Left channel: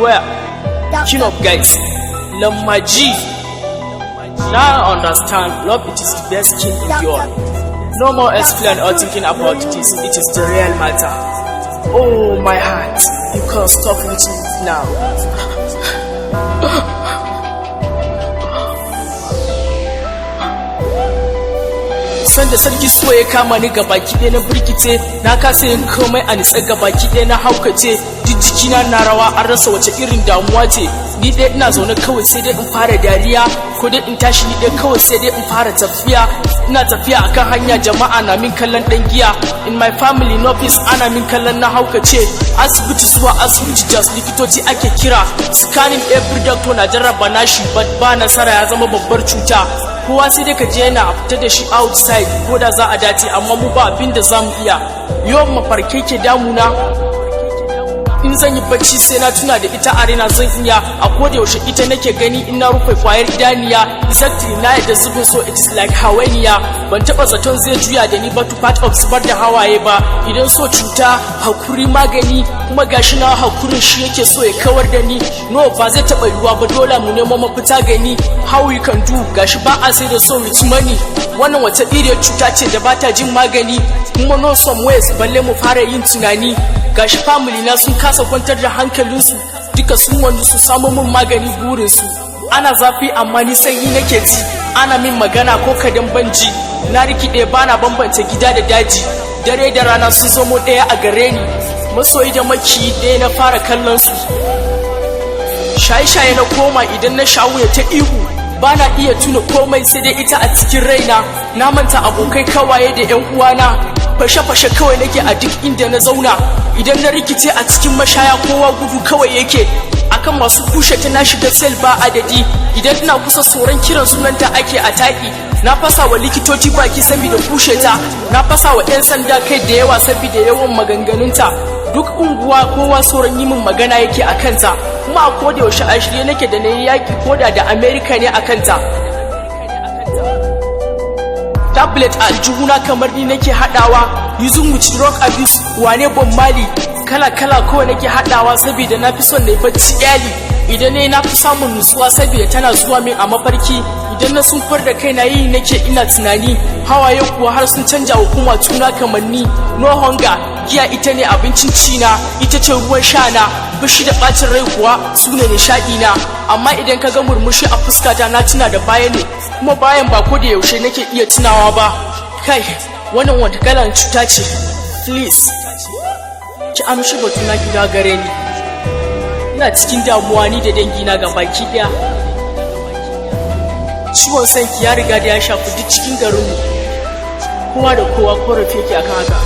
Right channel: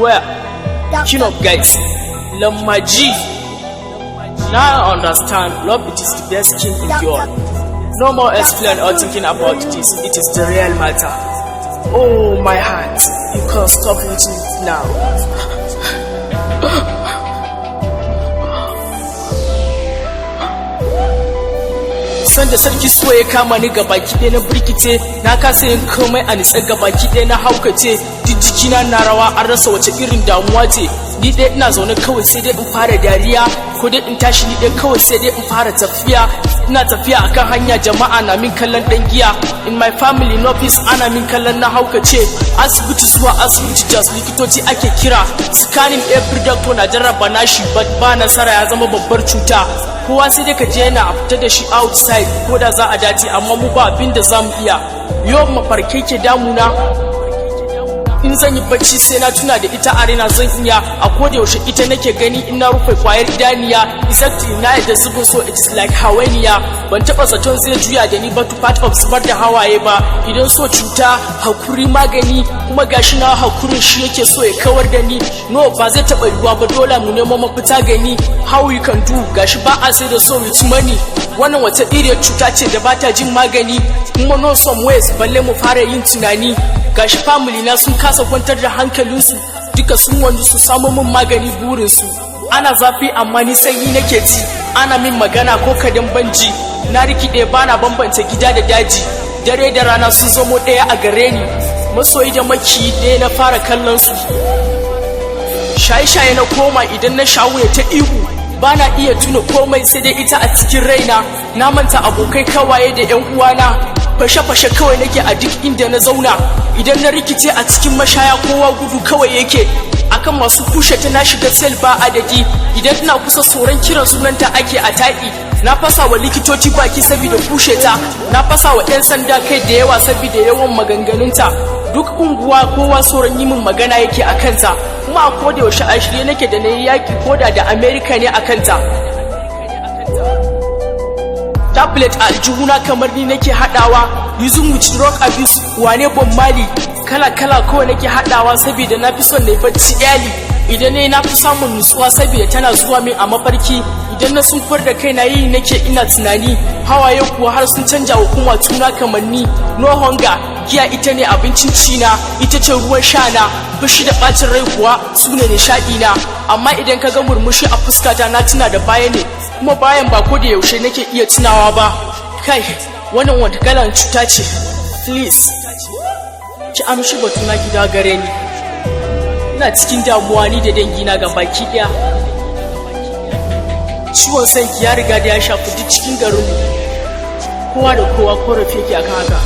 Where? King of guys, Lamma G. Now I understand, love it is the best king in the world. No more explain or thinking about this, it is the real matter. Oh my heart, you can't stop reaching it now. Sanda sarki so ya kama ni gabaki ɗaya na birkice, na kasa yin komai a nitsa gabaki ɗaya na haukace, duk jikina na rawa an rasa wace irin damuwa ce. Ni dai ina zaune kawai sai dai in fara dariya, ko dai in tashi ni dai kawai sai dai in fara tafiya. Ina tafiya akan hanya jama'a na min kallon dan giya. In my family no peace ana min kallon na haukace. Asibiti zuwa asibiti just likitoci ake kira. Scanning every doctor na jarraba nashi but ba nasara, ya zama babbar cuta. Kowa sai dai ka je yana fita da shi outside ko da za a dace, amma mu ba abin da za mu iya. Yawan mafarkai ke damuna, in zan yi bacci sai na tuna da ita a raina zan iya. A koda yaushe ita nake gani in na rufe kwayar idaniya. Exactly na yadda zubin so it is like hawainiya. Ban taba zaton zai juya da ni ba to part of zubar da hawaye ba. Idan so cuta hakuri magani, kuma gashi na hakurin shi yake so ya kawar da ni. No ba zai taba yiwuwa ba, dole mu nemo mafita gani. How we can do, gashi ba a sai da so with money. Wannan wata iriyar cuta ce da bata jin magani. Kuma no some ways balle mu fara yin tunani. Gashi family na sun kasa kwantar da hankalinsu, duka sun wanda su samu min magani burinsu. Ana zafi amma ni sanyi nake ji, ana min magana ko kadan banji. Na rikide bana bambanta gida da daji, dare da rana sun zamo ɗaya a gare ni. Masoyi da maki ɗaya na fara kallon su. Shaye-shaye na koma, idan na shawo ta ihu, bana iya tuna komai sai dai ita a cikin raina. Na manta abokai kawaye da yan uwana, fashe-fashe kawai nake a duk inda na zauna. Idan na rikice a cikin mashaya kowa gudu kawai yake. Akan masu kushe ta na shiga sel ba adadi, idan ina kusa tsoron kiran sunanta ake a taɗi. Na fasa wa likitoci baki saboda kushe ta, na fasa wa 'yan sanda kai da yawa saboda yawan maganganunta. Duk unguwa kowa tsoron yi min magana yake a kanta, kuma a koda yaushe a shirye nake da na yi yaki koda da Amerika ne a kanta. Tablet a aljihuna kamar ni nake haɗawa, using with drug abuse wane Bob Marley. Kala-kala kawai nake haɗawa saboda na fi son na yi bacci iyali. Idan ne na fi samun nutsuwa saboda tana zuwa min a mafarki. Idan na sunkar da kai na yi nake ina tunani, hawaye kuwa har sun canja wa kuma tuna kamanni. No hunger, giya ita ne abincin cina, ita ce ruwan sha na. Fushi da ɓacin rai kuwa su ne nishaɗi na. Amma idan ka ga murmushi a fuskata na tuna da baya ne, kuma bayan ba ko da yaushe nake iya tunawa ba. Kai, wannan wata kalan cuta ce, please ki amshi batuna ki gagare ni. Ina cikin damuwa ni da dangina ga baki daya. Ciwon sanki ya riga da ya shafi duk cikin garinmu, kowa da kowa korafi yake akan haka.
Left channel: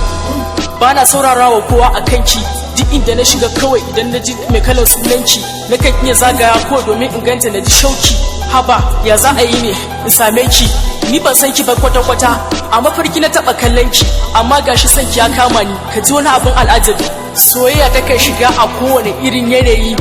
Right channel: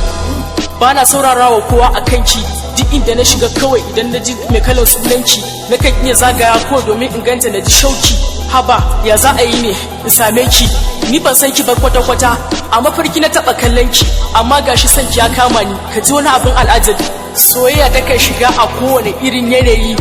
Bana saurarawa kowa a kanki, duk inda na shiga kawai idan na ji mai kalar sunanki nakan iya zagaya ko domin in ganta na ji shauki. Haba ya za a yi ne in same ki, ni ban san ki ba kwata-kwata. A mafarki na taɓa kallon ki, amma gashi sanki ya kama ni. Ka ji wani abin al'ajabi, soyayya ta kai shiga a kowane irin yanayi.